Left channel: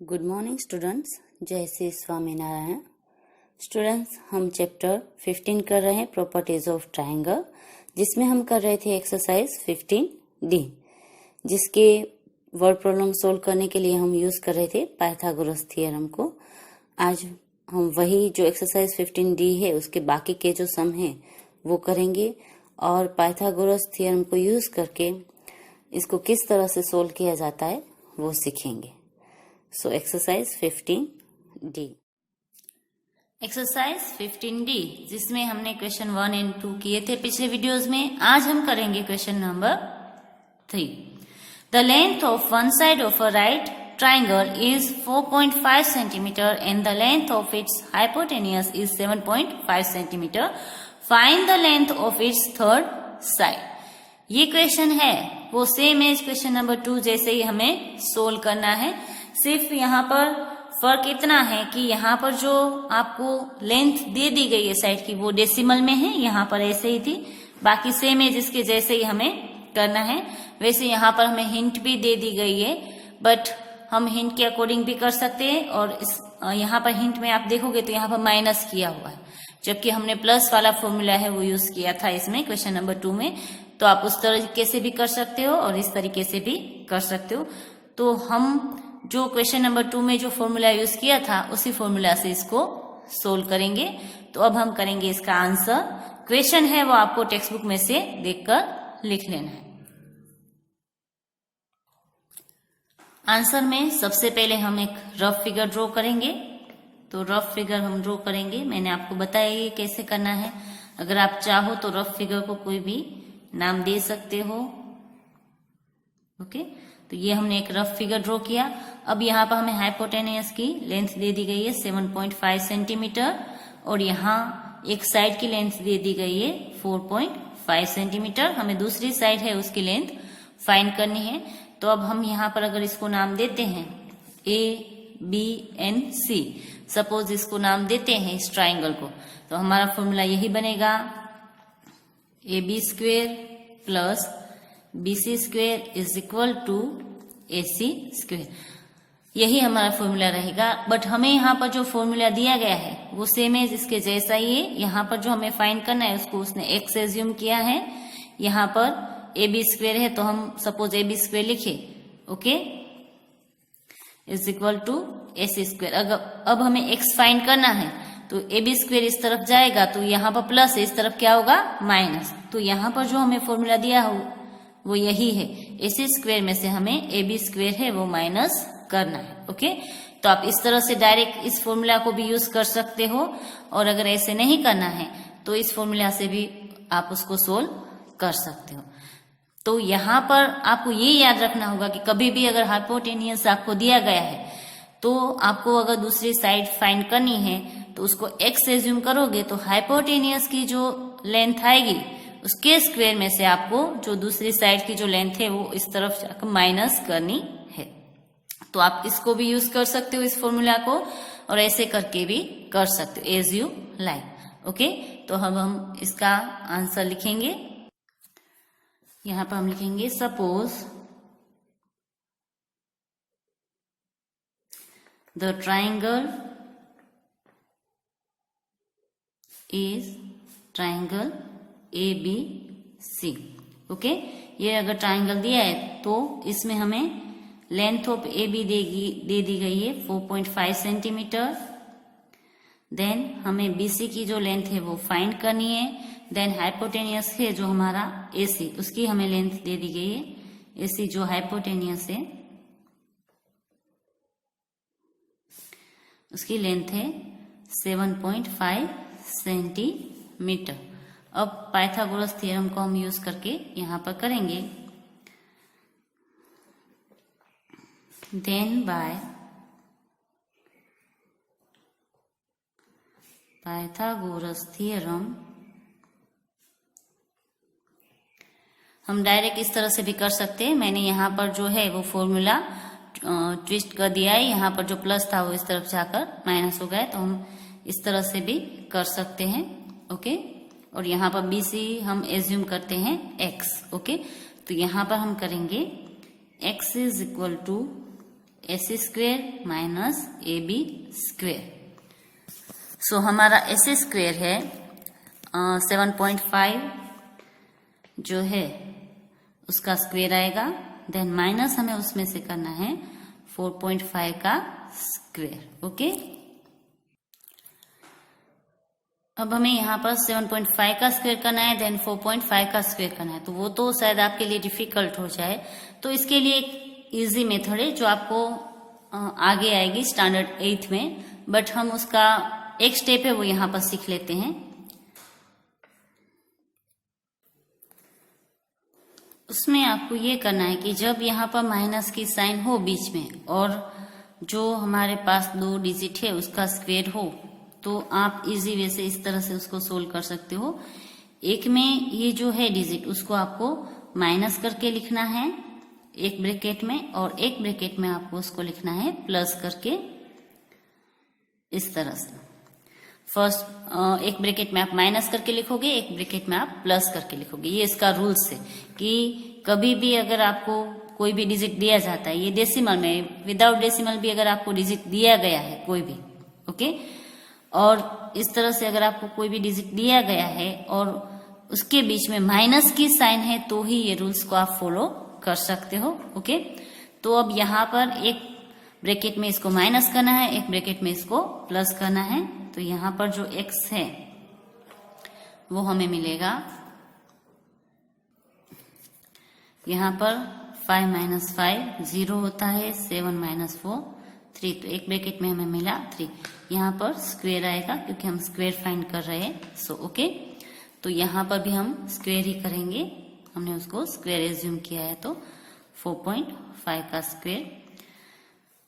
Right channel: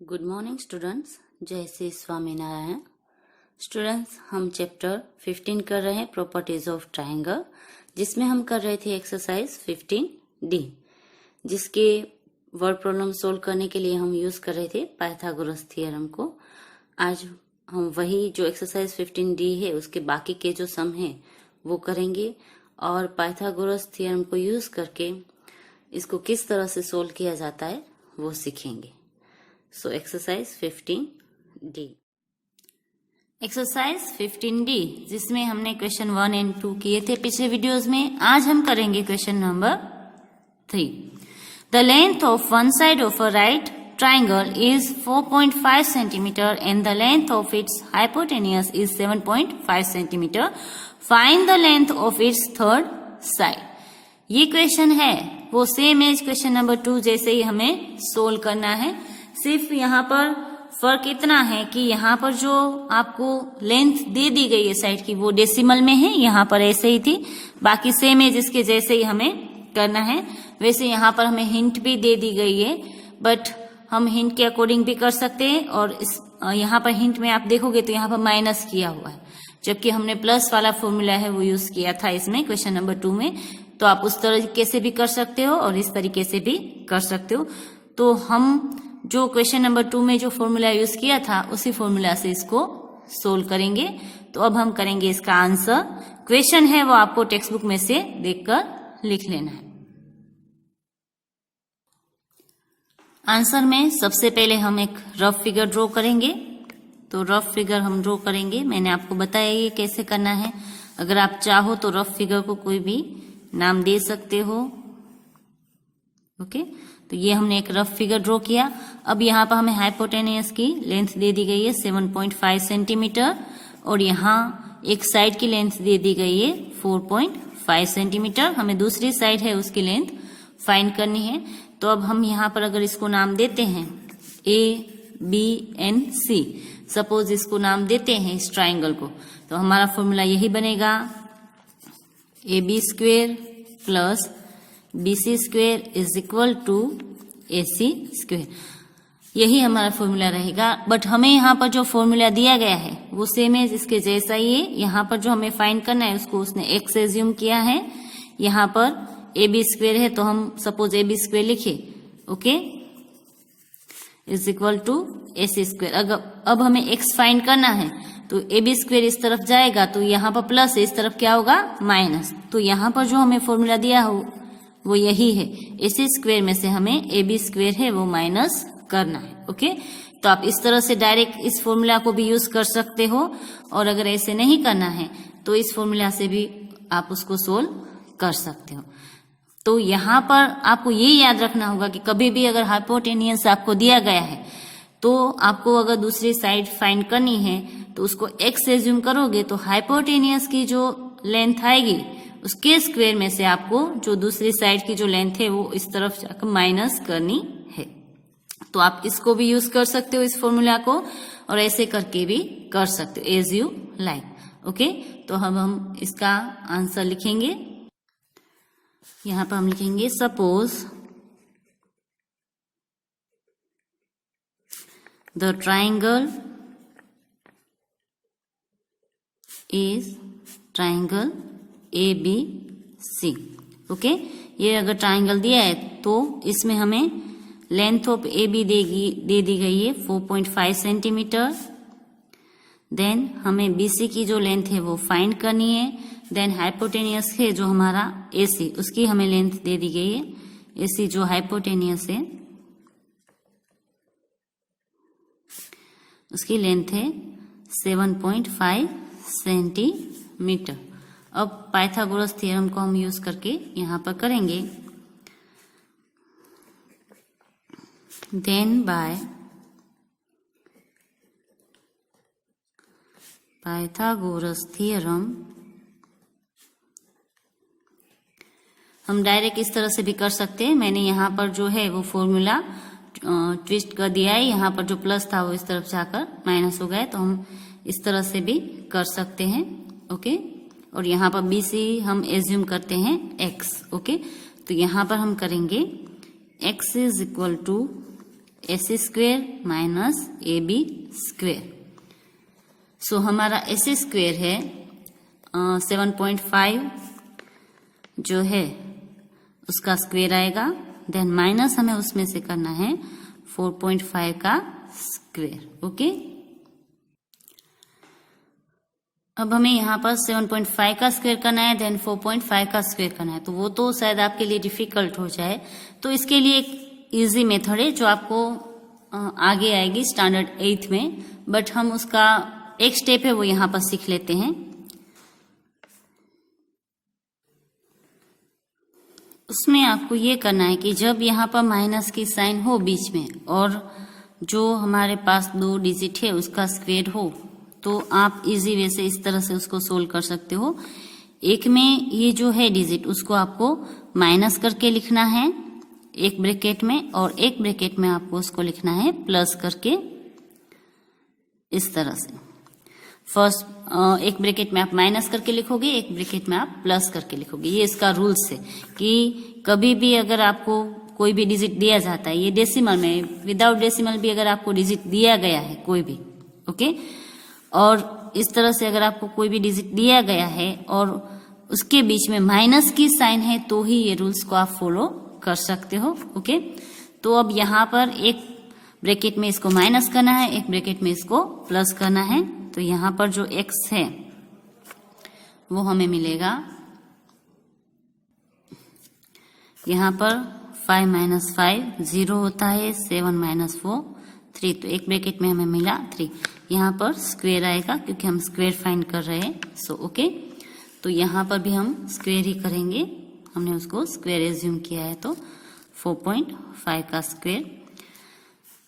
Good morning students, जय Shri Swaminarayan. Students, हम chapter 15 कर रहे हैं प्रॉपर्टीज ऑफ ट्रायंगल, जिसमें हम कर रहे थे एक्सरसाइज 15D, जिसके वर्ड प्रॉब्लम सोल्व करने के लिए हम यूज कर रहे थे पाइथागोरस थ्योरम को। आज हम वही जो एक्सरसाइज 15D है उसके बाकी के जो सम हैं वो करेंगे और पाइथागोरस थ्योरम को यूज करके इसको किस तरह से सोल्व किया जाता है वो सीखेंगे। So exercise 15D। Exercise 15D जिसमें हमने क्वेश्चन 1 एंड 2 किए थे पिछले वीडियोस में। आज हम करेंगे question number 3। The length of one side of a right triangle is 4.5 centimetre and the length of its hypotenuse is 7.5 centimetre. Find the length of its third side. ये question है वो सेम एज क्वेश्चन नंबर 2 जैसे ही हमें solve करना है। सिर्फ यहाँ पर फर्क इतना है कि यहाँ पर जो आपको लेंथ दे दी गई है साइड की वो डेसिमल में है, यहाँ पर ऐसे ही थी। बाकी सेम है जिसके जैसे ही हमें करना है। वैसे यहाँ पर हमें हिंट भी दे दी गई है, बट हम हिंट के अकॉर्डिंग भी कर सकते हैं। और यहाँ पर हिंट में आप देखोगे तो यहाँ पर माइनस किया हुआ है, जबकि हमने प्लस वाला फॉर्मूला है वो यूज किया था इसमें क्वेश्चन नंबर 2 में। तो आप उस तरीके से भी कर सकते हो और इस तरीके से भी कर सकते हो। तो हम जो क्वेश्चन नंबर 2 में जो फॉर्मूला यूज किया था उसी फॉर्मूला से इसको सोल्व करेंगे। तो अब हम करेंगे इसका आंसर। क्वेश्चन है वो आपको टेक्स्ट बुक में से देखकर लिख लेना है। आंसर में सबसे पहले हम एक रफ फिगर ड्रॉ करेंगे। तो रफ फिगर हम ड्रॉ करेंगे, मैंने आपको बताया ये कैसे करना है। अगर आप चाहो तो रफ फिगर को कोई भी नाम दे सकते हो। ओके, तो ये हमने एक रफ फिगर ड्रॉ किया। अब यहाँ पर हमें हाइपोटेनियस की लेंथ दे दी गई है 7.5 सेंटीमीटर और यहाँ एक साइड की लेंथ दे दी गई है 4.5 सेंटीमीटर। हमें दूसरी साइड है उसकी लेंथ फाइंड करनी है। तो अब हम यहाँ पर अगर इसको नाम देते हैं ABNC, सपोज इसको नाम देते हैं इस ट्राइंगल को, तो हमारा फॉर्मूला यही बनेगा AB square plus BC square is equal to AC square. यही हमारा फॉर्मूला रहेगा। बट हमें यहाँ पर जो फॉर्मूला दिया गया है वो सेम है इसके जैसा ही है। यहाँ पर जो हमें फाइंड करना है उसको उसने x एज्यूम किया है। यहाँ पर AB स्क्वेयर है तो हम सपोज AB स्क्वेयर लिखे, okay, is equal to AC square. अगर अब हमें x फाइंड करना है तो AB स्क्वेयर इस तरफ जाएगा तो यहाँ पर प्लस है, इस तरफ क्या होगा माइनस। तो यहाँ पर जो हमें फॉर्मूला दिया हो वो यही है। AC स्क्वेयर में से हमें AB स्क्वेयर है वो माइनस करना है। ओके, तो आप इस तरह से डायरेक्ट इस फॉर्मूला को भी यूज कर सकते हो और अगर ऐसे नहीं करना है तो इस फॉर्मूला से भी आप उसको सोल्व कर सकते हो। तो यहाँ पर आपको ये याद रखना होगा कि कभी भी अगर हाइपोटेनियस आपको दिया गया है तो आपको अगर दूसरी साइड फाइंड करनी है तो उसको x एज्यूम करोगे तो हाइपोटेनियस की जो लेंथ आएगी उसके स्क्वायर में से आपको जो दूसरी साइड की जो लेंथ है वो इस तरफ जाकर माइनस करनी है। तो आप इसको भी यूज कर सकते हो इस फॉर्मूला को और ऐसे करके भी कर सकते हो एज यू लाइक। ओके, तो अब हम इसका आंसर लिखेंगे। यहां पर हम लिखेंगे suppose the triangle is triangle ABC। Okay, ये अगर ट्राइंगल दिया है तो इसमें हमें लेंथ ऑफ AB दे दी गई है 4.5 सेंटीमीटर। देन हमें BC की जो लेंथ है वो फाइंड करनी है। देन हाइपोटेनियस है जो हमारा AC, उसकी हमें लेंथ दे दी गई है। AC जो हाइपोटेनियस है उसकी लेंथ है 7.5 सेंटीमीटर। अब पाइथागोरस थ्योरम को हम यूज करके यहाँ पर करेंगे। देन बाय पाइथागोरस थ्योरम हम डायरेक्ट इस तरह से भी कर सकते हैं। मैंने यहाँ पर जो है वो फॉर्मूला ट्विस्ट कर दिया है। यहाँ पर जो प्लस था वो इस तरफ जाकर माइनस हो गया, तो हम इस तरह से भी कर सकते हैं। ओके, और यहाँ पर BC हम एज्यूम करते हैं x। ओके, तो यहाँ पर हम करेंगे x is equal to AC square minus AB square. So हमारा AC स्क्वेयर है 7.5 जो है उसका स्क्वेयर आएगा, देन माइनस हमें उसमें से करना है 4.5 का स्क्वेयर। ओके, अब हमें यहाँ पर 7.5 का स्क्वेयर करना है, देन 4.5 का स्क्वेयर करना है, तो वो तो शायद आपके लिए डिफिकल्ट हो जाए। तो इसके लिए एक इजी मेथड है जो आपको आगे आएगी स्टैंडर्ड 8th में, बट हम उसका एक स्टेप है वो यहाँ पर सीख लेते हैं। उसमें आपको ये करना है कि जब यहाँ पर माइनस की साइन हो बीच में और जो हमारे पास 2 डिजिट है उसका स्क्वेयर हो, तो आप इजी वे से इस तरह से उसको सोल्व कर सकते हो। एक में ये जो है डिजिट उसको आपको माइनस करके लिखना है एक ब्रैकेट में, और एक ब्रैकेट में आपको उसको लिखना है प्लस करके, इस तरह से। फर्स्ट एक ब्रैकेट में आप माइनस करके लिखोगे, एक ब्रैकेट में आप प्लस करके लिखोगे। ये इसका रूल्स है कि कभी भी अगर आपको कोई भी डिजिट दिया जाता है, ये डेसिमल में, विदाउट डेसिमल भी अगर आपको डिजिट दिया गया है कोई भी, ओके, और इस तरह से अगर आपको कोई भी डिजिट दिया गया है और उसके बीच में माइनस की साइन है, तो ही ये रूल्स को आप फॉलो कर सकते हो। ओके, तो अब यहाँ पर एक ब्रैकेट में इसको माइनस करना है, एक ब्रैकेट में इसको प्लस करना है। तो यहाँ पर जो x है वो हमें मिलेगा, यहाँ पर 5 माइनस 5 0 होता है, 7 माइनस 4 3, तो एक ब्रैकेट में हमें मिला 3। यहाँ पर स्क्वेयर आएगा क्योंकि हम स्क्वेयर फाइंड कर रहे हैं। सो ओके, तो यहाँ पर भी हम स्क्वेयर ही करेंगे, हमने उसको स्क्वेयर एज्यूम किया है, तो 4.5 का स्क्वेयर।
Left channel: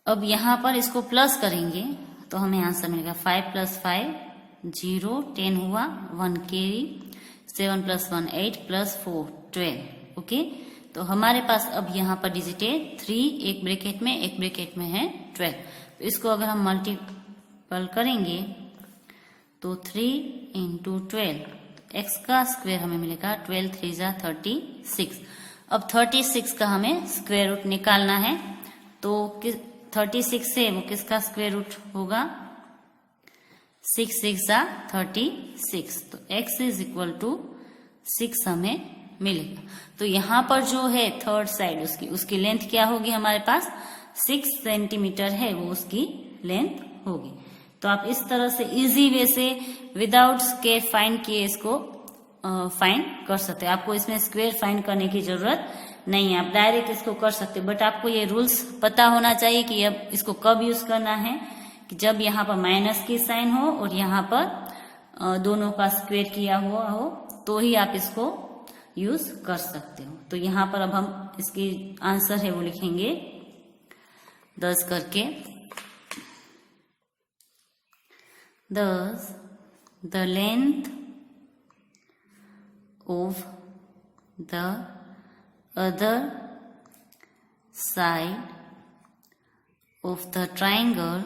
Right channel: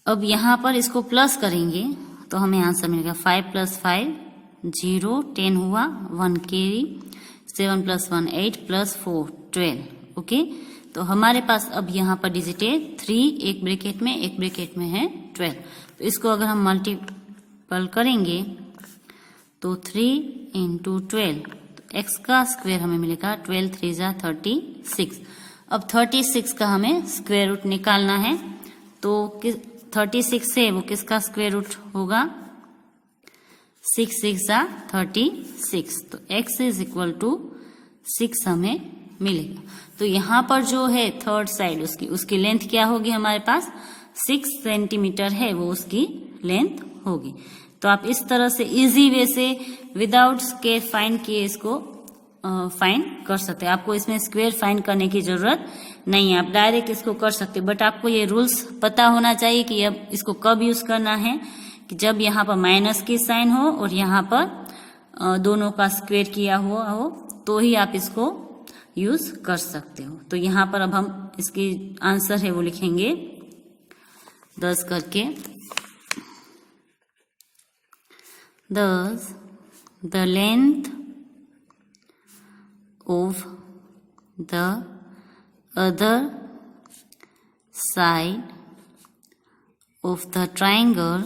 अब यहाँ पर इसको प्लस करेंगे तो हमें आंसर मिलेगा 5 प्लस 5 0, 10 हुआ, 1 कैरी, 7 प्लस 1 8 प्लस 4 12। ओके, तो हमारे पास अब यहाँ पर डिजिट है 3, एक ब्रैकेट में, एक ब्रैकेट में है 12। तो इसको अगर हम मल्टीपल करेंगे तो 3 इंटू 12, तो x का स्क्वेयर हमें मिलेगा 12 3 जा 36। अब 36 का हमें स्क्वेयर रूट निकालना है, तो 36 से वो किसका स्क्वेयर रूट होगा, 6 6 जा 36, तो x इज इक्वल टू 6 हमें मिलेगा। तो यहाँ पर जो है थर्ड साइड उसकी लेंथ क्या होगी, हमारे पास 6 सेंटीमीटर है, वो उसकी लेंथ होगी। तो आप इस तरह से इजी वे से विदाउट स्क्वेयर फाइंड किए इसको फाइंड कर सकते हैं। आपको इसमें स्क्वेयर फाइंड करने की जरूरत नहीं है, आप डायरेक्ट इसको कर सकते हो, बट आपको ये रूल्स पता होना चाहिए कि अब इसको कब यूज करना है, कि जब यहाँ पर माइनस की साइन हो और यहाँ पर दोनों का स्क्वेयर किया हुआ हो, तो ही आप इसको यूज कर सकते हो। तो यहाँ पर अब हम इसकी आंसर है वो लिखेंगे 10 करके। 10 the length of the other side of the triangle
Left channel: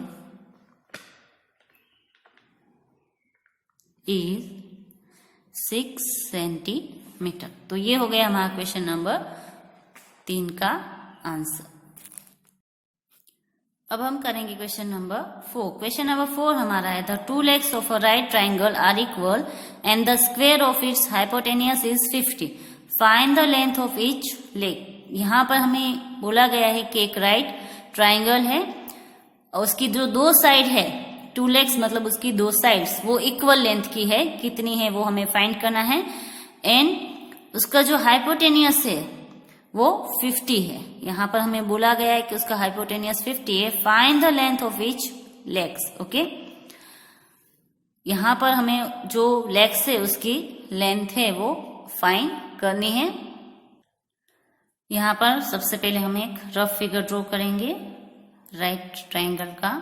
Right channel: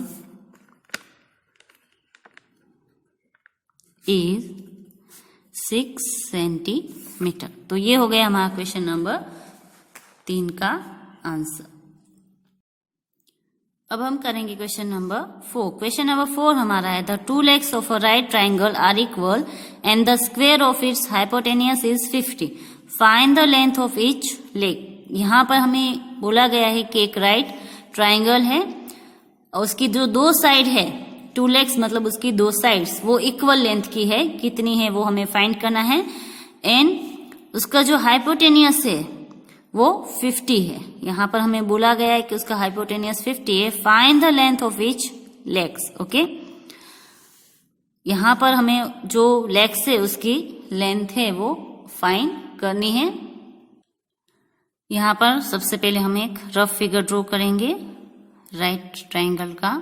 is 6 centimetre. तो ये हो गया हमारा क्वेश्चन नंबर 3 का आंसर। अब हम करेंगे क्वेश्चन नंबर 4। क्वेश्चन नंबर 4 हमारा है the 2 legs of a right triangle are equal and the square of its hypotenuse is 50. Find the length of each leg. यहाँ पर हमें बोला गया है कि एक राइट ट्राइंगल है और उसकी जो 2 साइड है, 2 legs मतलब उसकी 2 साइड्स वो इक्वल लेंथ की है, कितनी है वो हमें फाइंड करना है, एंड उसका जो हाइपोटेनियस है वो 50 है। यहाँ पर हमें बोला गया है कि उसका हाइपोटेनियस 50 है। Find the length of each legs. Okay, यहाँ पर हमें जो लेग्स है उसकी लेंथ है वो फाइंड करनी है। यहाँ पर सबसे पहले हम एक रफ फिगर ड्रॉ करेंगे राइट ट्राइंगल का।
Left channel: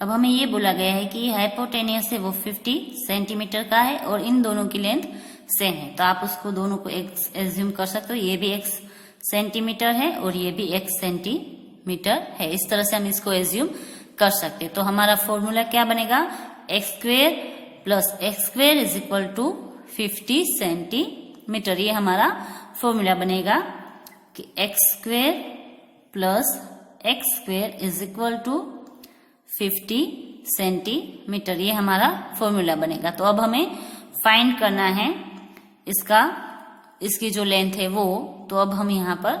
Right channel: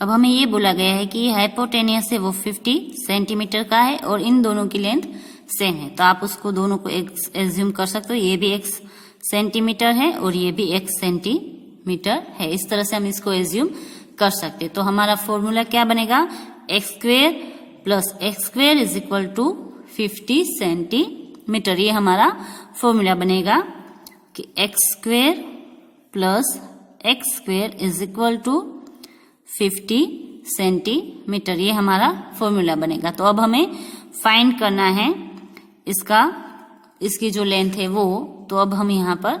अब हमें ये बोला गया है कि हाइपोटेनियस है वो 50 सेंटीमीटर का है और इन दोनों की लेंथ सेम है, तो आप उसको दोनों को एज्यूम कर सकते हो, ये भी x सेंटीमीटर है और ये भी x सेंटीमीटर है। इस तरह से हम इसको एज्यूम कर सकते हैं। तो हमारा फॉर्मूला क्या बनेगा, x square plus x square is equal to 50 centimetre. ये हमारा फॉर्मूला बनेगा कि x square plus x square is equal to 50 centimetre, ये हमारा फॉर्मूला बनेगा। तो अब हमें फाइंड करना है इसकी जो लेंथ है वो, तो अब हम यहाँ पर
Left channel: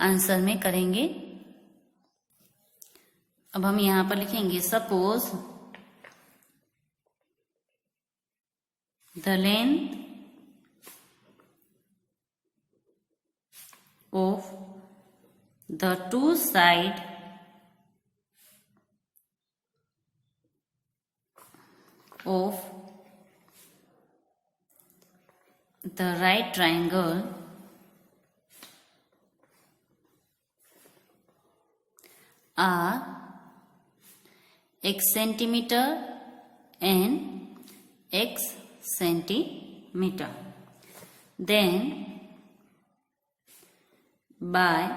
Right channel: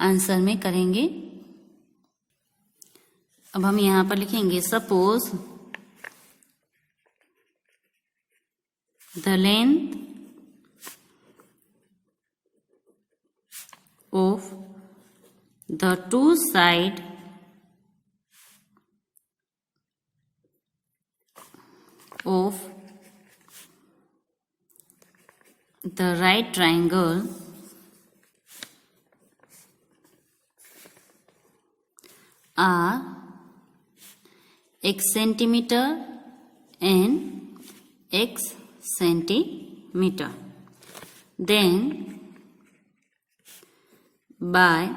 आंसर में करेंगे। अब हम यहाँ पर लिखेंगे suppose the length of the two side of the right triangle are x centimeter and x centimeter. Then by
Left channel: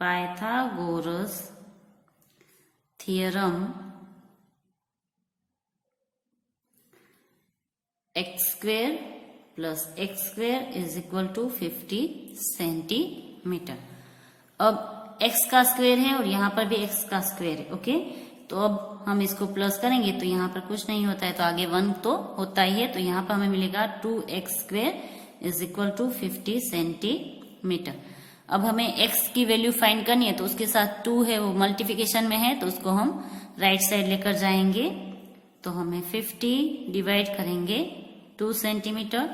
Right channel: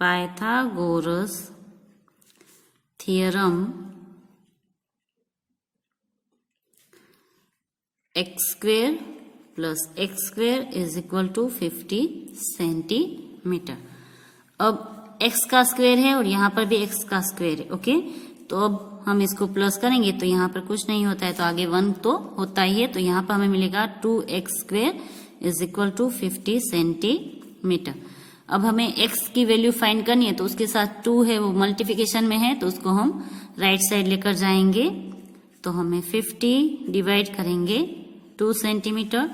Pythagoras theorem, x square plus x square is equal to 50 centimetre. अब x का square है और यहाँ पर भी x का square है, okay. तो अब हम इसको प्लस करेंगे तो यहाँ पर कुछ नहीं होता है, तो आगे 1 तो होता ही है, तो यहाँ पर हमें मिलेगा 2x square is equal to 50 centimetre. अब हमें x की वैल्यू फाइंड करनी है, तो उसके साथ 2 है वो मल्टीप्लिकेशन में है, तो उसको हम राइट साइड लेकर जाएंगे। तो हमें 50 डिवाइड करेंगे 2 सेंटीमीटर,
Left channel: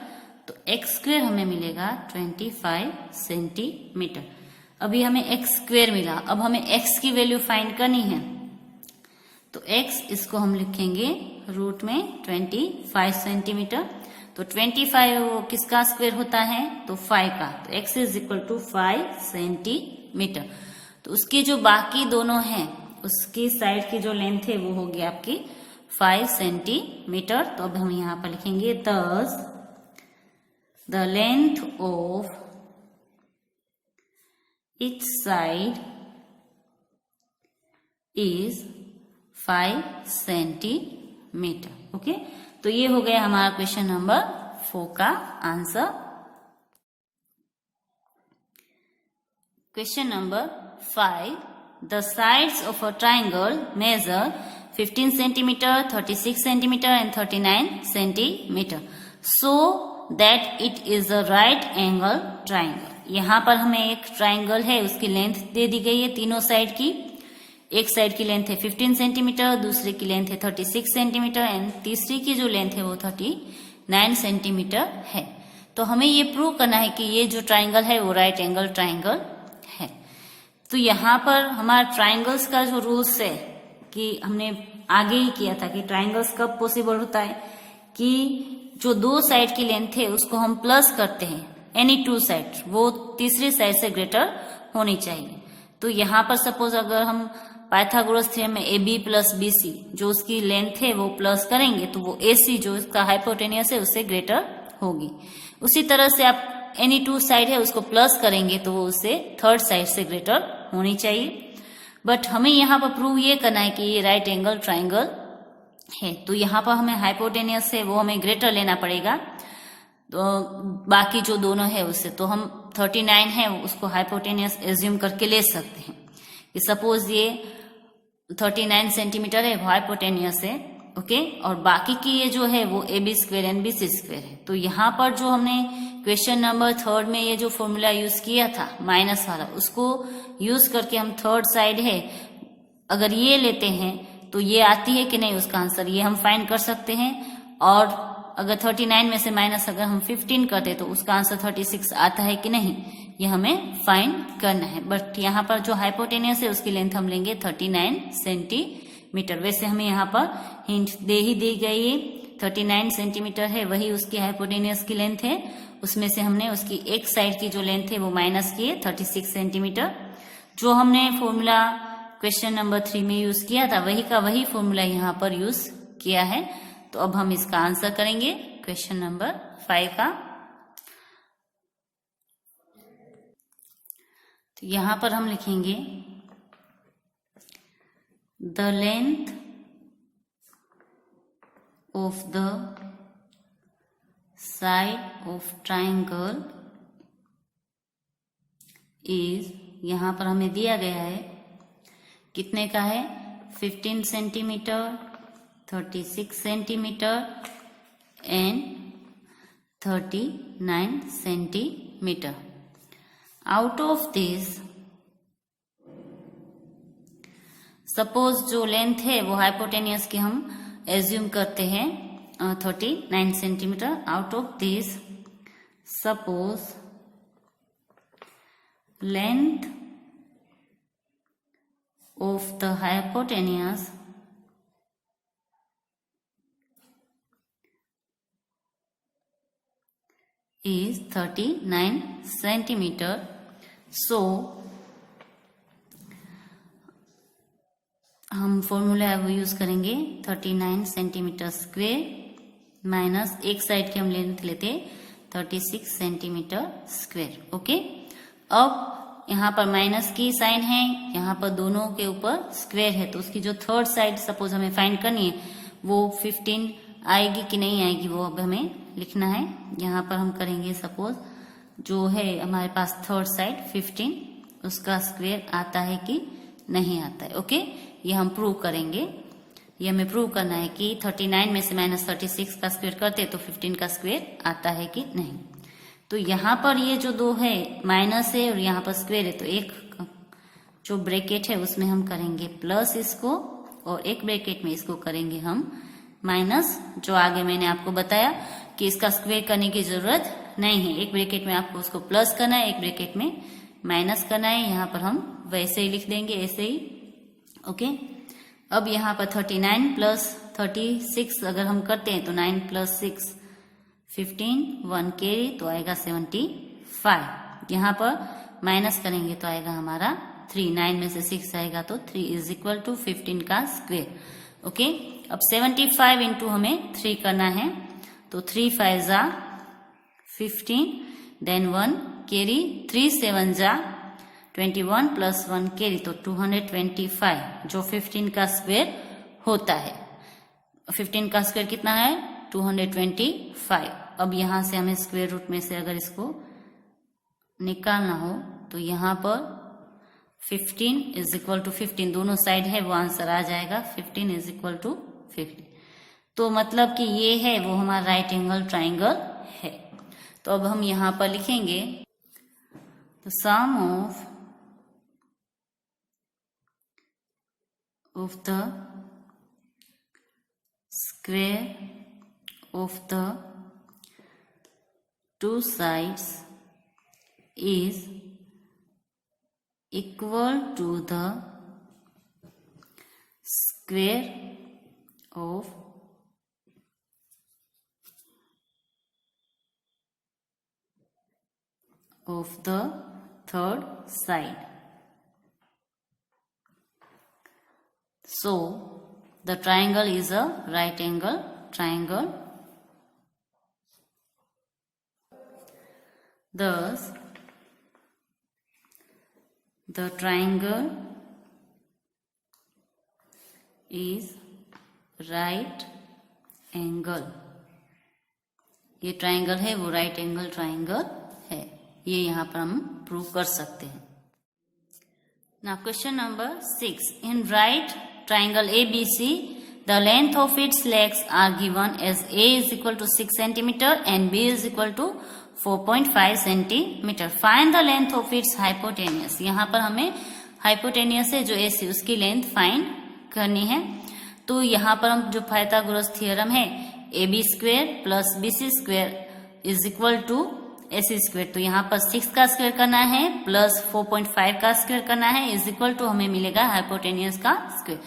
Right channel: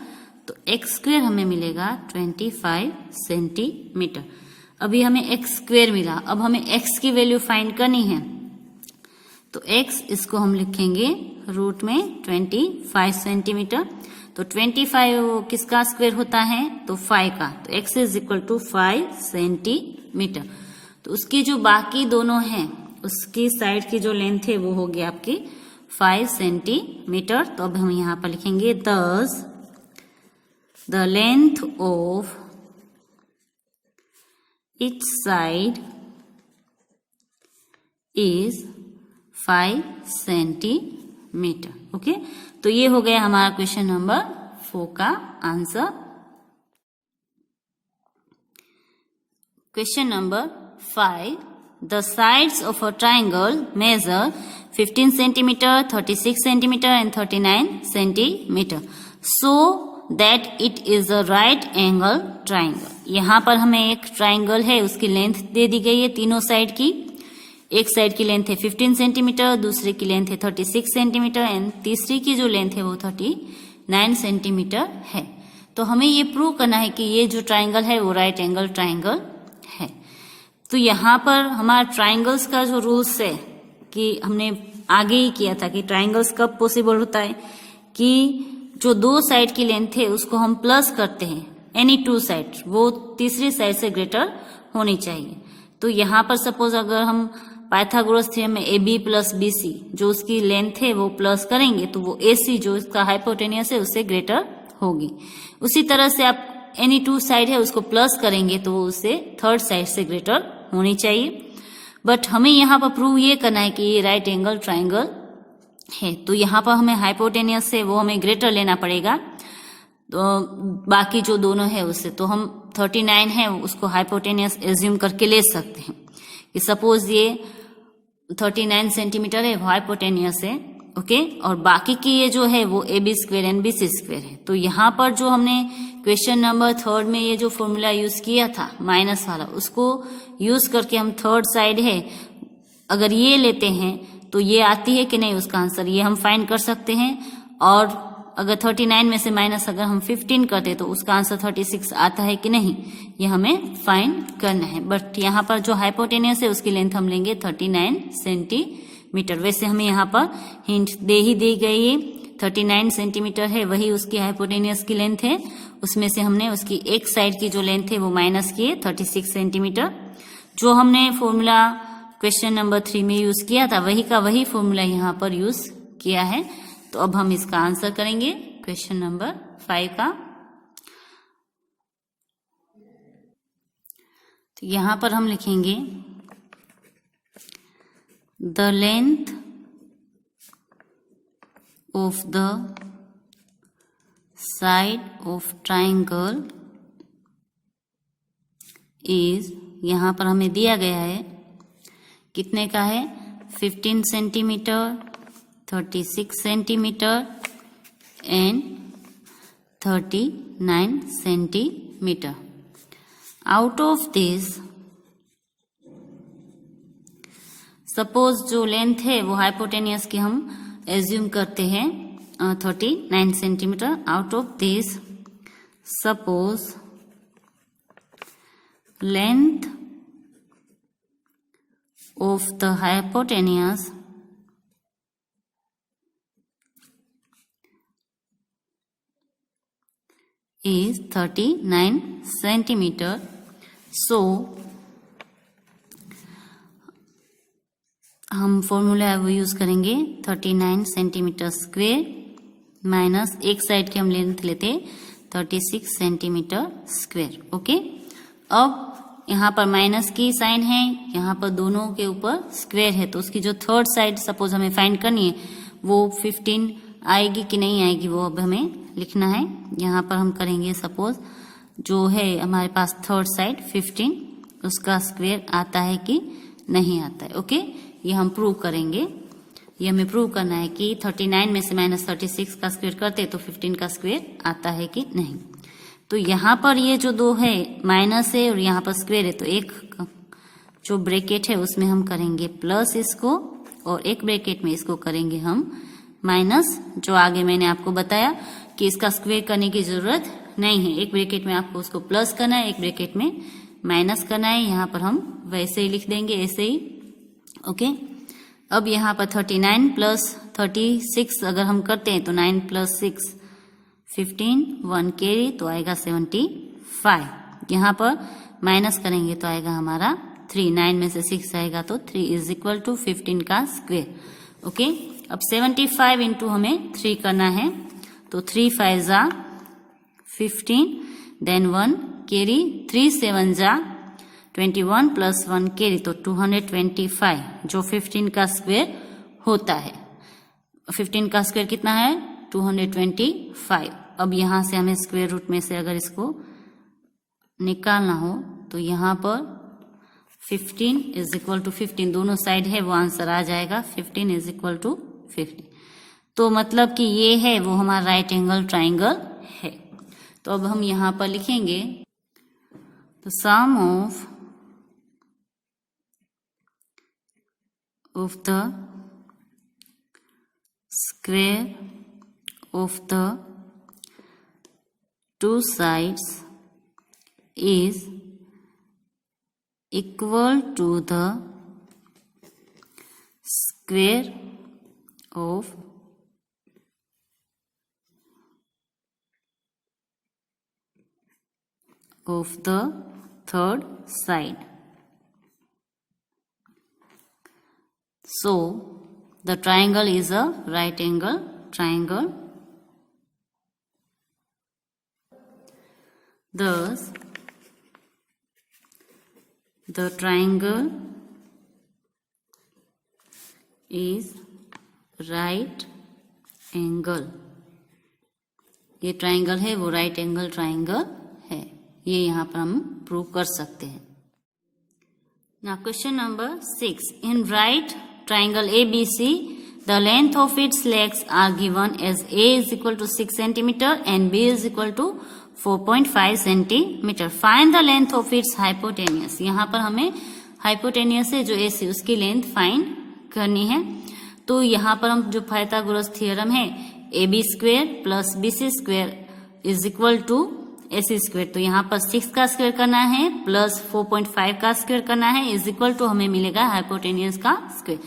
तो x स्क्वेयर हमें मिलेगा 25 सेंटीमीटर। अभी हमें x स्क्वेयर मिला, अब हमें x की वैल्यू फाइंड करनी है, तो x इसको हम लिखेंगे रूट में 25 सेंटीमीटर। तो 25 किसका स्क्वायर होता है, तो 5 का, तो x is equal to 5 centimetre. तो उसकी जो बाकी दोनों हैं उसकी साइड की जो लेंथ है वो होगी आपकी 5 सेंटीमीटर। तो अब हम यहाँ पर लिखेंगे thus the length of each side is 5 centimetre, okay. तो ये हो गया हमारा क्वेश्चन नंबर 4 का answer. Question number 5, the sides of a triangle measure 15 centimetre, 36 centimetre and 39 centimetre, so that it is a right angle triangle. यहाँ पर हमें एक ट्राइंगल है, उसकी लेंथ दे दी गई है तीनों साइड की। एक साइड की लेंथ है 15 सेंटीमीटर, दूसरे की लेंथ है 36 सेंटीमीटर एंड तीसरी की जो लेंथ है वो 39 सेंटीमीटर है। तो हमें ये प्रूव करना है कि ये जो ट्राइंगल है वो राइट एंगल ट्राइंगल है। तो यहाँ पर हमारा ट्राइंगल्स का जो रूल्स है कि हमने आगे ही किया था कि ट्राइंगल्स कब पॉसिबल होता है कि जो दो साइड की लेंथ है उसको हम प्लस करते हैं, एनी टू साइड, वो तीसरी साइड से ग्रेटर होनी चाहिए। तो यहाँ पर सपोज अगर हम पाइथागोरस थ्योरम में AB प्लस BC जो उसकी लेंथ है वो प्लस करेंगे तो वो AC जो इसका हाइपोटेनियस है उससे ग्रेटर होगी। उसी तरह से आप एनी टू साइड है उसको प्लस करेंगे तो वो उससे थर्ड साइड से ग्रेटर होनी चाहिए। बट हमें यहाँ पर प्रूव ये करना है कि ये राइट एंगल ट्राइंगल है, तो यहाँ पर हमें हाइपोटेनियस है वो हमें ग्रेटर लेना पड़ेगा। तो बाकी जो दोनों है उससे, तो हम 39 है उसको हाइपोटेनियस एज्यूम करके ले सकते हैं कि सपोज ये 39 सेंटीमीटर है, हाइपोटेनियस है, ओके। और बाकी की ये जो है वो AB square and BC square है। तो यहाँ पर जो हमने क्वेश्चन नंबर 3 में ये जो फॉर्मूला यूज किया था माइनस वाला, उसको यूज करके हम थर्ड साइड है अगर ये लेते हैं तो ये आती है कि नहीं उसका आंसर, ये हम फाइंड कर सकते हैं। और अगर 39 में से माइनस अगर हम 15 करते तो उसका आंसर 36 आता है कि नहीं, ये हमें फाइंड करना है। बट यहाँ पर जो हाइपोटेनियस है उसकी लेंथ हम लेंगे 39 सेंटीमीटर। वैसे हमें यहाँ पर हिंट दे ही दी गई है, 39 सेंटीमीटर है वही उसकी हाइपोटेनियस की लेंथ है, उसमें से हमने उसकी एक साइड की जो लेंथ है वो माइनस किए 36 सेंटीमीटर। जो हमने फॉर्मूला क्वेश्चन नंबर 3 में यूज किया था वही का वही फॉर्मूला यहाँ पर यूज किया है। तो अब हम इसका आंसर करेंगे क्वेश्चन नंबर 5 का। तो यहां पर हम लिखेंगे the length of the side of triangle is, यहाँ पर हमें दिया गया है कितने का है, 15 centimetre, 36 centimetre and 39 centimetre. Out of this, suppose जो लेंथ है वो हाइपोटेनियस की हम एज्यूम करते हैं 39 centimetre. Out of this, suppose length of the hypotenuse is 39 centimeter. So हम फॉर्मूला वो यूज करेंगे 39 सेंटीमीटर स्क्वेयर माइनस एक साइड की हम लेंथ लेते 36 सेंटीमीटर स्क्वेयर. ओके, अब यहाँ पर माइनस की साइन है, यहाँ पर दोनों के ऊपर स्क्वेयर है, तो उसकी जो थर्ड साइड सपोज हमें फाइंड करनी है वो 15 आएगी कि नहीं आएगी वो अब हमें लिखना है. यहाँ पर हम करेंगे सपोज जो है हमारे पास थर्ड साइड 15, उसका स्क्वेयर आता है कि नहीं आता है. ओके, ये हम प्रूव करेंगे. ये हमें प्रूव करना है कि 39 में से माइनस 36 का स्क्वेयर करते तो 15 का स्क्वेयर आता है कि नहीं. तो यहाँ पर ये जो दो है माइनस है और यहाँ पर स्क्वेयर है, तो एक जो ब्रैकेट है उसमें हम करेंगे प्लस इसको और एक ब्रैकेट में इसको करेंगे हम माइनस. जो आगे मैंने आपको बताया कि इसका स्क्वेयर करने की जरूरत नहीं है, एक ब्रैकेट में आपको उसको प्लस करना है, एक ब्रैकेट में माइनस करना है. यहाँ पर हम वैसे ही लिख देंगे, ऐसे ही. ओके, अब यहाँ पर 39 प्लस 36 अगर हम करते हैं तो 9 प्लस 6 15, 1 कैरी तो आएगा 75. यहाँ पर माइनस करेंगे तो आएगा हमारा 3, 9 में से 6 आएगा तो 3 इज इक्वल टू 15 का स्क्वेयर. ओके, अब 75 इंटू हमें 3 करना है, तो 3 5 जा 15, देन 1 कैरी, 3 7 जा 21 प्लस 1 कैरी तो 225, जो 15 का स्क्वेयर होता है. 15 का स्क्वेयर कितना है, 225. अब यहां से हमें स्क्वायर रूट में से अगर इसको निकालना हो तो यहाँ पर 15 इज इक्वल टू 15 दोनों साइड है वो आंसर आ जाएगा 15 इज इक्वल टू 15. तो मतलब कि ये है वो हमारा राइट एंगल ट्राइंगल है. तो अब हम यहाँ पर लिखेंगे तो sum of the square of the two sides is equal to the square of the third side. So the triangle is a right angle triangle. Thus, the triangle is right angle. ये triangle है वो right angle triangle है, ये यहाँ पर हम prove कर सकते हैं. Now question number 6. In right triangle ABC, the length of its legs are given as A is equal to 6 centimeter and B is equal to 4.5 centimetre. Find the length of its hypotenuse. यहाँ पर हमें hypotenuse है जो AC उसकी length find करनी है. तो यहाँ पर हम जो पाइथागोरस थ्योरम है AB square plus BC square is equal to AC square, तो यहाँ पर 6 का स्क्वेयर करना है प्लस 4.5 का स्क्वेयर करना है इज इक्वल टू हमें मिलेगा हाइपोटेनियस का स्क्वेयर.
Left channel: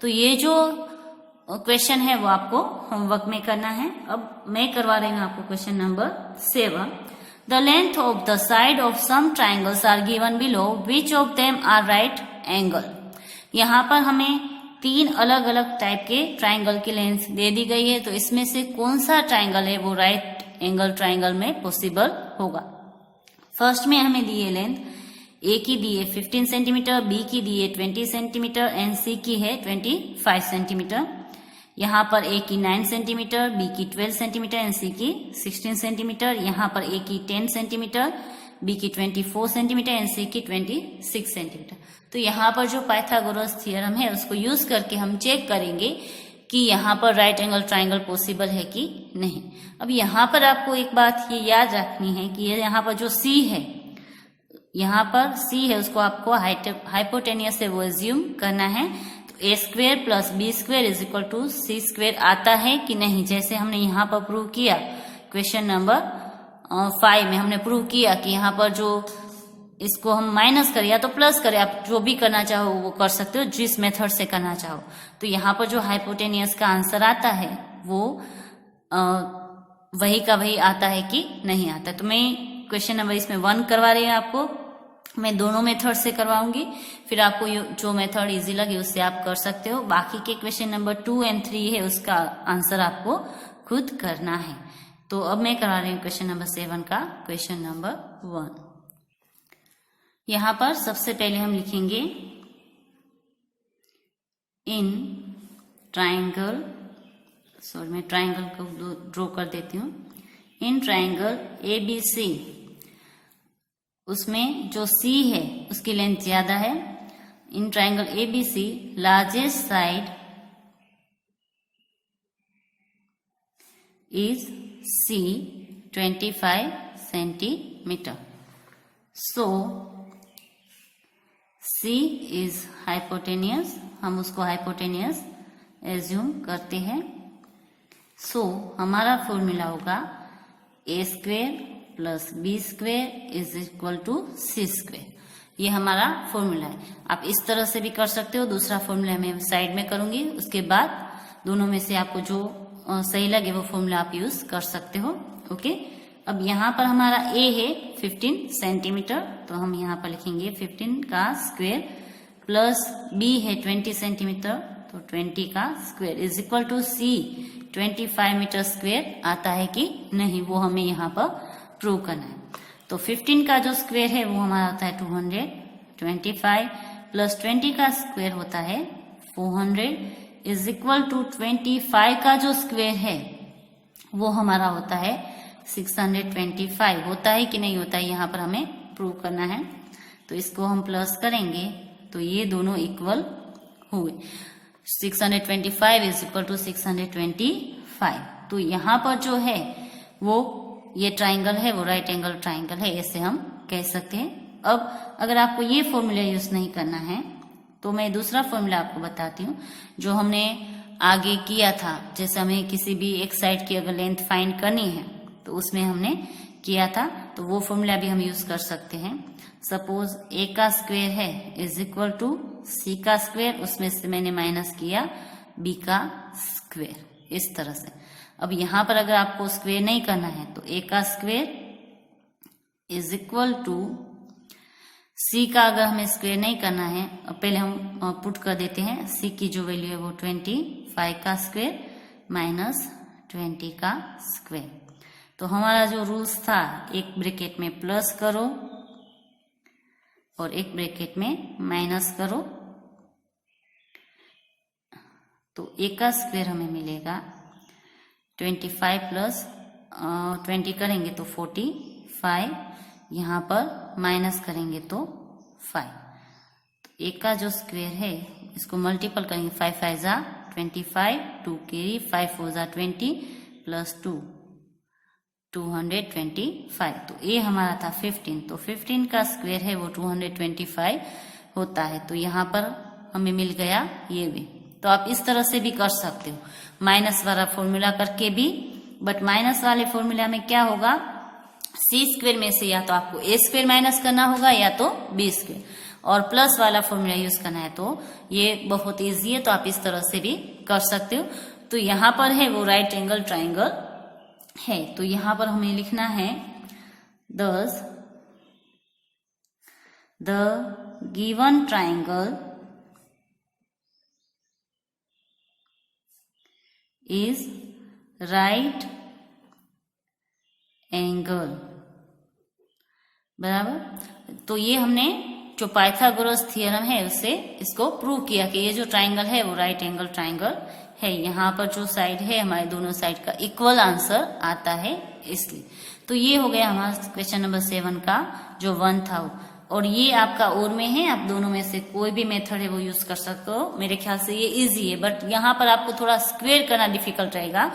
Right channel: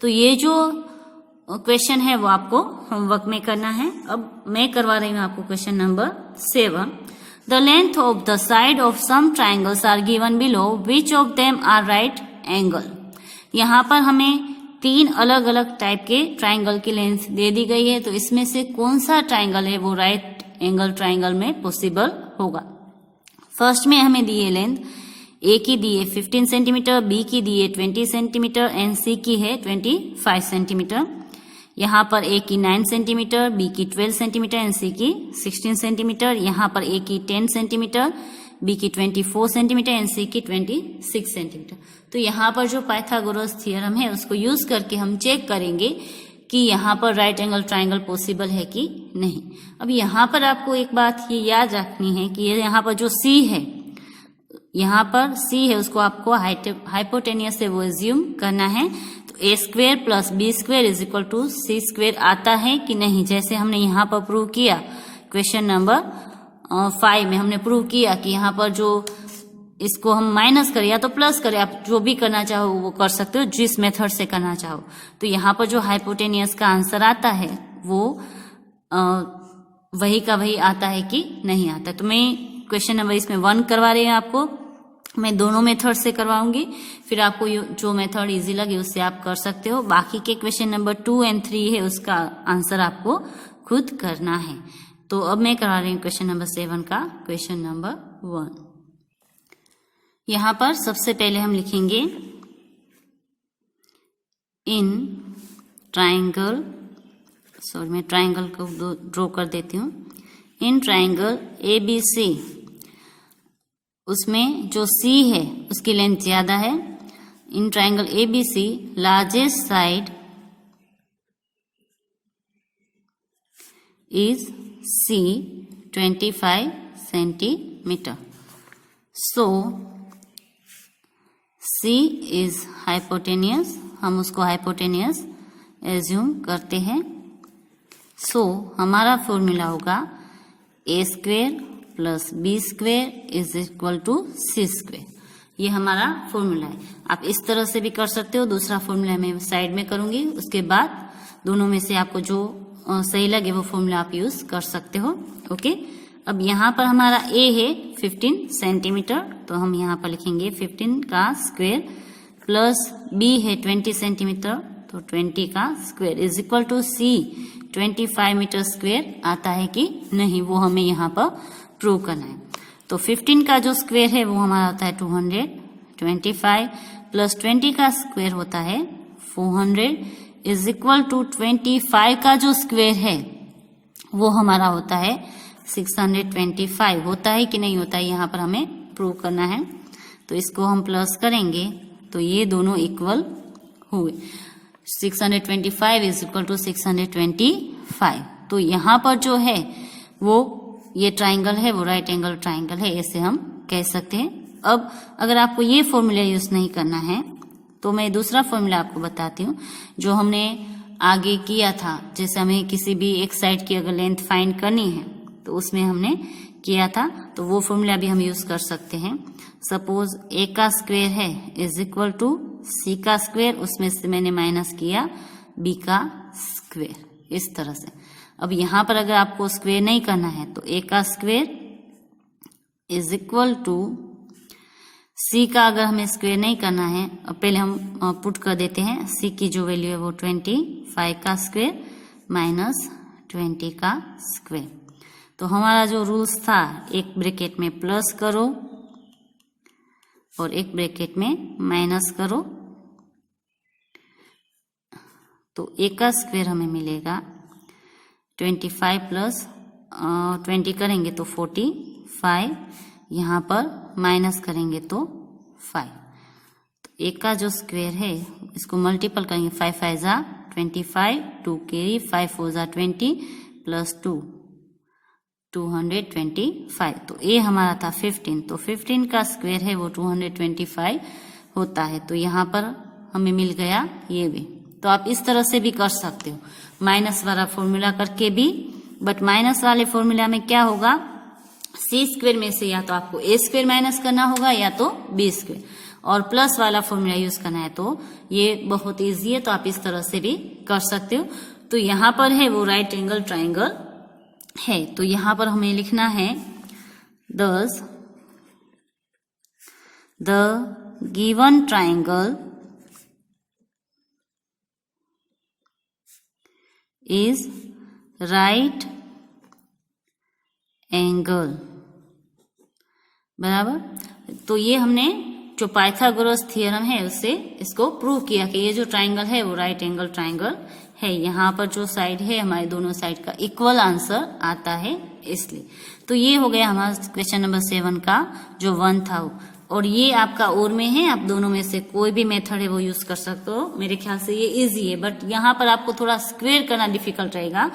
तो ये जो क्वेश्चन है वो आपको होमवर्क में करना है. अब मैं करवा रही हूँ आपको question number 7. The length of the side of some triangles are given below, which of them are right angle. यहाँ पर हमें 3 अलग अलग टाइप के ट्राइंगल की लेंथ दे दी गई है, तो इसमें से कौन सा ट्राइंगल है वो राइट एंगल ट्राइंगल में पॉसिबल होगा. फर्स्ट में हमें दी है लेंथ, ए की दी है 15 सेंटीमीटर, बी की दी है 20 सेंटीमीटर एंड सी की है 25 सेंटीमीटर. यहाँ पर ए की 9 सेंटीमीटर, बी की 12 सेंटीमीटर एंड सी की 16 सेंटीमीटर। यहाँ पर ए की 10 सेंटीमीटर, बी की 24 सेंटीमीटर एंड सी की 26 सेंटीमीटर। तो यहाँ पर जो पाइथागोरस थ्योरम है उसको यूज करके हम चेक करेंगे कि यहाँ पर राइट एंगल ट्राइंगल पॉसिबल है कि नहीं। अब यहाँ पर आपको एक बात ये याद रखनी है कि यहाँ पर जो सी है, यहाँ पर सी है उसको आपको हाइपोटेनियस से वो एज्यूम करना है। तो A square plus B square is equal to C square आता है कि नहीं, जैसे हमने यहाँ पर प्रूव किया क्वेश्चन नंबर 5 में हमने प्रूव किया कि यहाँ पर जो इसको हम माइनस करें या तो प्लस करें, आप जो भी करना चाहो वो कर सकते हो, जिस मेथड से करना चाहो। तो यहाँ पर जो हाइपोटेनियस का आंसर आता है वो वही का वही आता है कि नहीं आता है। तो मैं क्वेश्चन नंबर इसमें 1 करवा रही है आपको, मैं दोनों मेथड से करवाऊंगी, फिर आपको जो मेथड इजी लगे उससे आप कर सकते हो। बाकी के क्वेश्चन नंबर 2 एंड 3 है उसका आंसर आपको खुद करना है। तो अब मैं करवा रही हूँ क्वेश्चन नंबर 7 का क्वेश्चन नंबर 1। यहाँ पर सबसे पहले हम लिखेंगे इन ट्राइंगल, सॉरी मैं ट्राइंगल को ड्रॉ कर देती हूँ। इन ट्राइंगल ABC, उसमें जो C है उसकी लेंथ ज्यादा है। In triangle ABC largest side is C 25 centimetre. So C is hypotenuse, हम उसको हाइपोटेनियस एज्यूम करते हैं। सो हमारा फॉर्मूला होगा A square plus B square is equal to C square. ये हमारा फॉर्मूला है। आप इस तरह से भी कर सकते हो, दूसरा फॉर्मूला मैं साइड में करूंगी, उसके बाद दोनों में से आपको जो सही लगे वो फॉर्मूला आप यूज कर सकते हो। ओके, अब यहाँ पर हमारा ए है 15 सेंटीमीटर, तो हम यहाँ पर लिखेंगे 15 का स्क्वेयर प्लस बी है 20 सेंटीमीटर, तो 20 का square is equal to c 25 metre square आता है कि नहीं, वो हमें यहाँ पर प्रूव करना है। तो 15 का जो स्क्वेयर है वो हमारा होता है 225 प्लस 20 का स्क्वेयर होता है 400 इज इक्वल टू 25 का जो स्क्वेयर है वो हमारा होता है 625। होता है कि नहीं होता है यहाँ पर हमें प्रूव करना है। तो इसको हम प्लस करेंगे तो ये दोनों इक्वल हुए, 625 इज इक्वल टू 625। तो यहाँ पर जो है वो ये ट्राइंगल है वो राइट एंगल ट्राइंगल है, ऐसे हम कह सकते हैं। अब अगर आपको ये फॉर्मूला यूज नहीं करना है तो मैं दूसरा फॉर्मूला आपको बताती हूँ जो हमने आगे किया था। जैसे हमें किसी भी एक साइड की अगर लेंथ फाइंड करनी है तो उसमें हमने किया था, तो वो फॉर्मूला भी हम यूज कर सकते हैं। सपोज ए का स्क्वेयर है इज इक्वल टू सी का स्क्वेयर, उसमें से मैंने माइनस किया बी का स्क्वेयर, इस तरह से। अब यहाँ पर अगर आपको स्क्वेयर नहीं करना है तो ए का स्क्वेयर इज इक्वल टू सी का, अगर हमें स्क्वेयर नहीं करना है अब पहले हम पुट कर देते हैं, सी की जो वैल्यू है वो 25 का स्क्वेयर माइनस 20 का स्क्वेयर। तो हमारा जो रूल्स था, एक ब्रैकेट में प्लस करो और एक ब्रैकेट में माइनस करो, तो ए का स्क्वेयर हमें मिलेगा 25 प्लस 20 करेंगे तो 45, यहाँ पर माइनस करेंगे तो 5। तो ए का जो स्क्वेयर है इसको मल्टीपल करेंगे, 5 5 जा 25, 2 कैरी, 5 4 जा 20 प्लस 2 225। तो ए हमारा था 15, तो 15 का स्क्वेयर है वो 225 होता है। तो यहाँ पर हमें मिल गया ये भी। तो आप इस तरह से भी कर सकते हो, माइनस वाला फॉर्मूला करके भी। बट माइनस वाले फॉर्मूला में क्या होगा, सी स्क्वेयर में से या तो आपको ए स्क्वेयर माइनस करना होगा या तो बी स्क्वेयर, और प्लस वाला फॉर्मूला यूज करना है। तो ये बहुत इजी है, तो आप इस तरह से भी कर सकते हो। तो यहाँ पर है वो राइट एंगल ट्राइंगल है। तो यहाँ पर हमें लिखना है thus the given triangle is right angle, बराबर। तो ये हमने जो पाइथागोरस थ्योरम है उससे इसको प्रूव किया कि ये जो ट्राइंगल है वो राइट एंगल ट्राइंगल है, यहाँ पर जो साइड है हमारे दोनों साइड का इक्वल आंसर आता है इसलिए। तो ये हो गया हमारा क्वेश्चन नंबर 7 का जो 1 था। और ये आपका और में है, आप दोनों में से कोई भी मेथड है वो यूज कर सकते हो। मेरे ख्याल से ये इजी है, बट यहाँ पर आपको थोड़ा स्क्वेयर करना डिफिकल्ट रहेगा।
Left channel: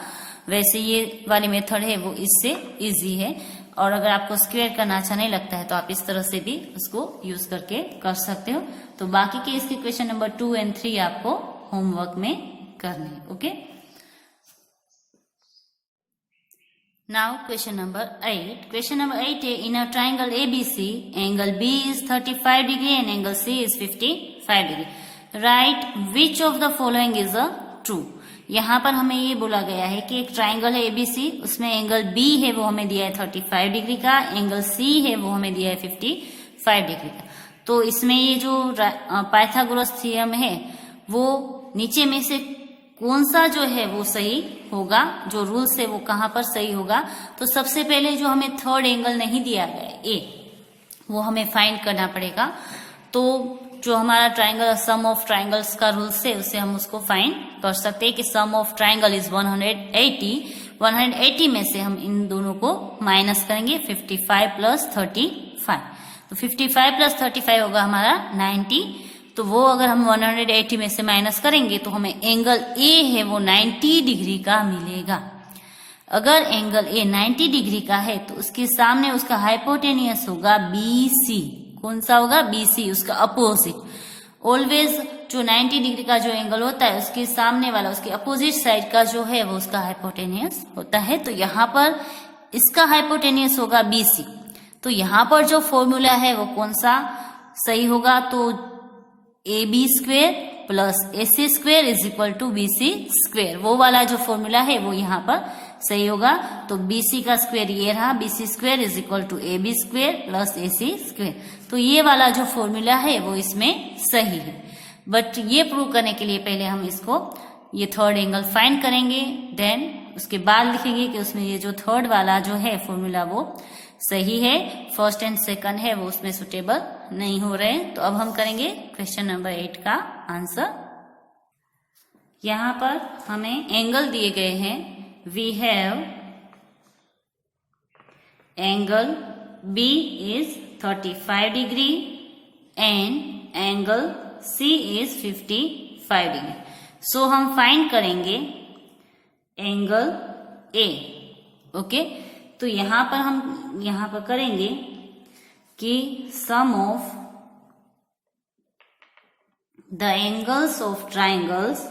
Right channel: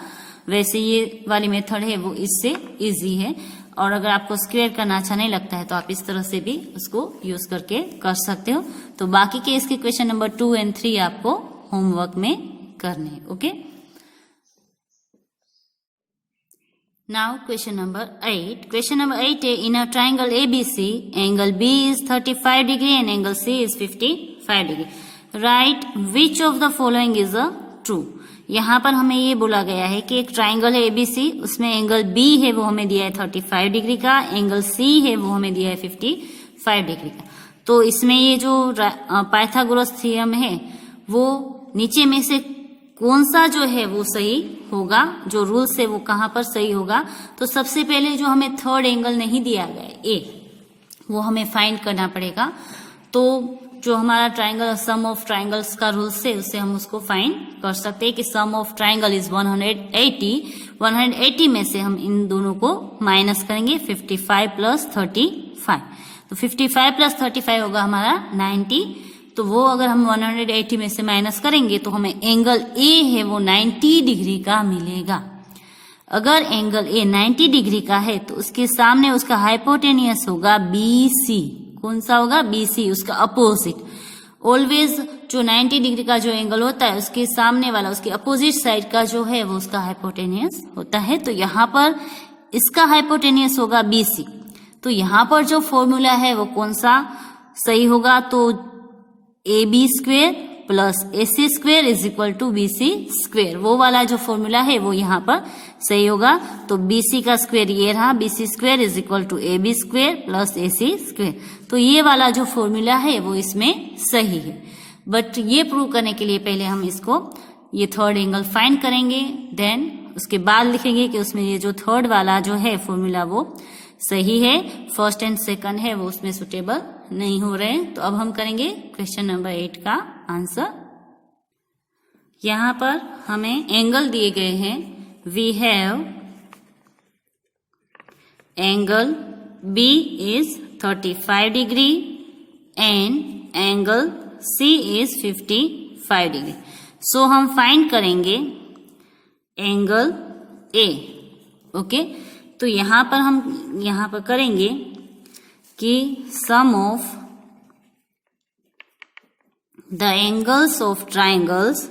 वैसे ये वाली मेथड है वो इससे इजी है, और अगर आपको स्क्वेयर करना अच्छा नहीं लगता है तो आप इस तरह से भी उसको यूज करके कर सकते हो। तो बाकी के इसके क्वेश्चन नंबर 2 और 3 आपको होमवर्क में करने हैं। Okay, now question number 8। Question number 8 है, in a triangle ABC angle B is 35 degree and angle C is 55 degree. Right which of the following is a true. यहाँ पर हमें ये बोला गया है कि एक ट्राइंगल है ABC, उसमें एंगल B है वो हमें दिया है 35 डिग्री का, एंगल C है वो हमें दिया है 55 डिग्री का। तो इसमें ये जो पाइथागोरस थ्योरम है वो नीचे में से कौन सा जो है वो सही होगा, जो रूल्स है वो कहाँ पर सही होगा। तो सबसे पहले जो हमें थर्ड एंगल नहीं दिया गया है A, वो हमें फाइंड करना पड़ेगा। तो जो हमारा ट्राइंगल सम ऑफ ट्राइंगल्स का रूल्स है उससे हम उसको फाइंड कर सकते हैं कि सम ऑफ ट्राइंगल इज 180 में से हम इन दोनों को माइनस करेंगे 55 प्लस 35। तो 55 प्लस 35 होगा हमारा 90। तो वो अगर हम 180 में से माइनस करेंगे तो हमें एंगल A है वो 90 डिग्री का मिलेगा। अगर एंगल A 90 डिग्री का है तो उसके सामने उसका हाइपोटेनियस होगा BC। कौन सा होगा? BC, उसका अपोजिट। ऑलवेज जो 90 डिग्री का जो एंगल होता है उसके सामने वाला, उसके अपोजिट साइड का जो है वो उसका हाइपोटेनियस होता है। तो यहाँ पर इसका हाइपोटेनियस होगा BC। तो यहाँ पर जो फॉर्मूला है वो कौन सा सही होगा? तो AB square plus AC square is equal to BC square, वो वाला जो फॉर्मूला है वो यहाँ पर सही होगा। तो BC का स्क्वेयर ये रहा, BC square is equal to AB square plus AC square. तो ये वाला जो फॉर्मूला है वो इसमें सही है। बट ये प्रूव करने के लिए पहले हम इसको ये थर्ड एंगल फाइंड करेंगे, देन उसके बाद लिखेंगे कि उसमें ये जो थर्ड वाला जो है फॉर्मूला वो सही है, फर्स्ट एंड सेकंड है वो उसमें सुटेबल नहीं हो रहे। तो अब हम करेंगे क्वेश्चन नंबर 8 का आंसर। यहाँ पर हमें एंगल दिए गए हैं। We have angle B is 35 degree and angle C is 55 degree. So हम फाइंड करेंगे एंगल A। ओके, तो यहाँ पर हम यहाँ पर करेंगे कि sum of the angles of triangles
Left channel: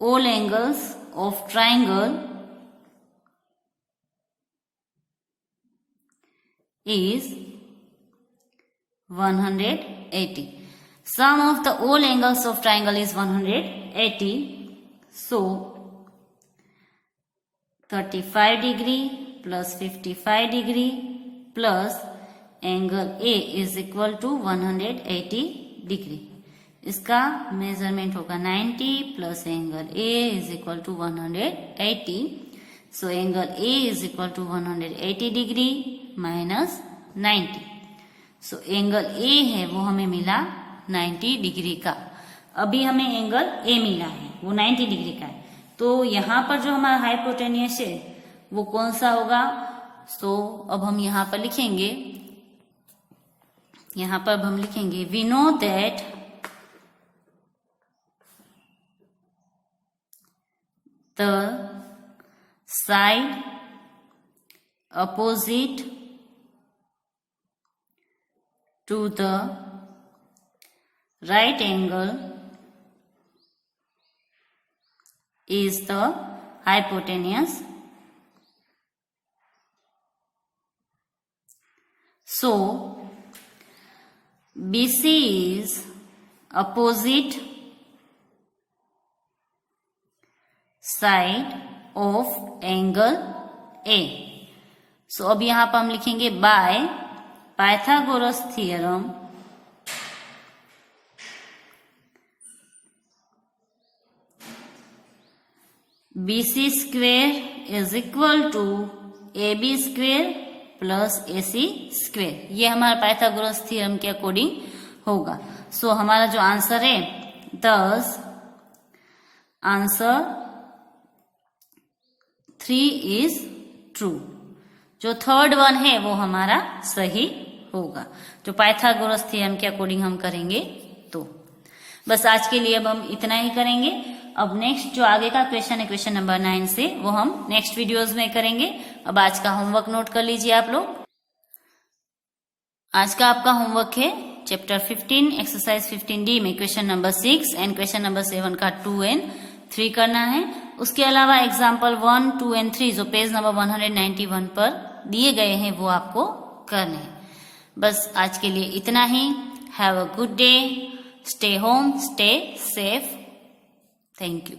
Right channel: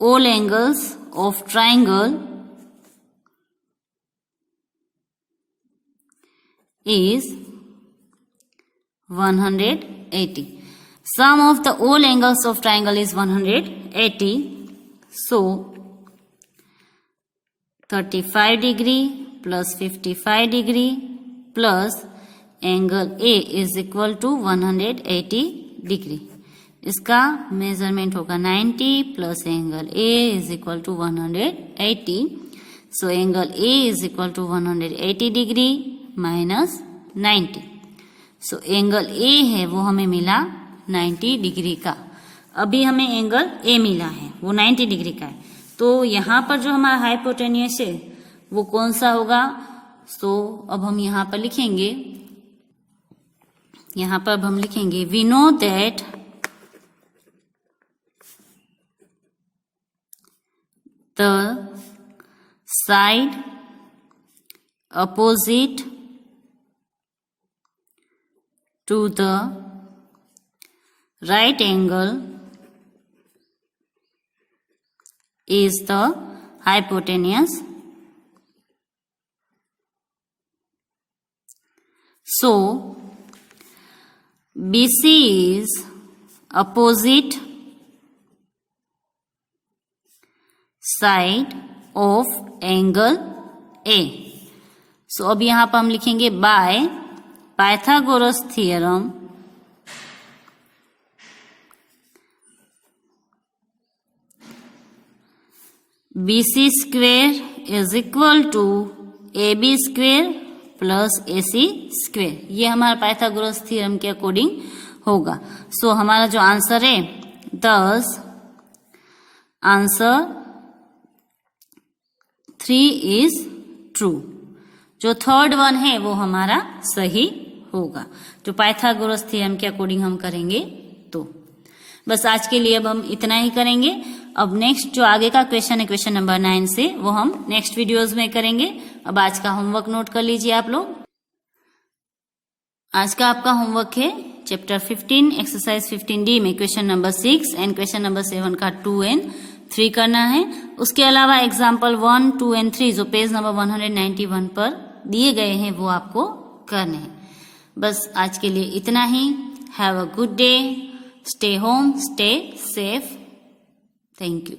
all angles of triangle is 180. Sum of the all angles of triangle is 180. So 35 degree plus 55 degree plus angle A is equal to 180 degree. इसका measurement होगा 90 plus angle A is equal to 180। So angle A is equal to 180 degree minus 90। So angle A है वो हमें मिला 90 degree का। अभी हमें angle A मिला है वो 90 डिग्री का है। तो यहाँ पर जो हमारा हाइपोटेनियस है वो कौन सा होगा? तो अब हम यहाँ पर लिखेंगे, यहाँ पर हम लिखेंगे we know that the side opposite to the right angle is the hypotenuse. So BC is opposite side of angle A. So अब यहाँ पर हम लिखेंगे by Pythagoras theorem BC square is equal to AB square plus AC square, ये हमारा Pythagoras theorem के according होगा। सो हमारा जो आंसर है, thus आंसर 3 इज ट्रू। जो थर्ड वन है वो हमारा सही होगा, जो पाइथागोरस थ्योरम के अकॉर्डिंग हम करेंगे तो। बस आज के लिए अब हम इतना ही करेंगे। अब नेक्स्ट जो आगे का क्वेश्चन है, क्वेश्चन नंबर 9 से, वो हम नेक्स्ट वीडियोस में करेंगे। अब आज का होमवर्क नोट कर लीजिए आप लोग। आज का आपका होमवर्क है चैप्टर 15 एक्सरसाइज 15D में question number 6 and question number 7 का 2 एंड 3 करना है। उसके अलावा एग्जाम्पल 1, 2 एंड 3 जो पेज नंबर 191 पर दिए गए हैं वो आपको करने हैं। बस आज के लिए इतना ही। Have a good day, stay home, stay safe. Thank you.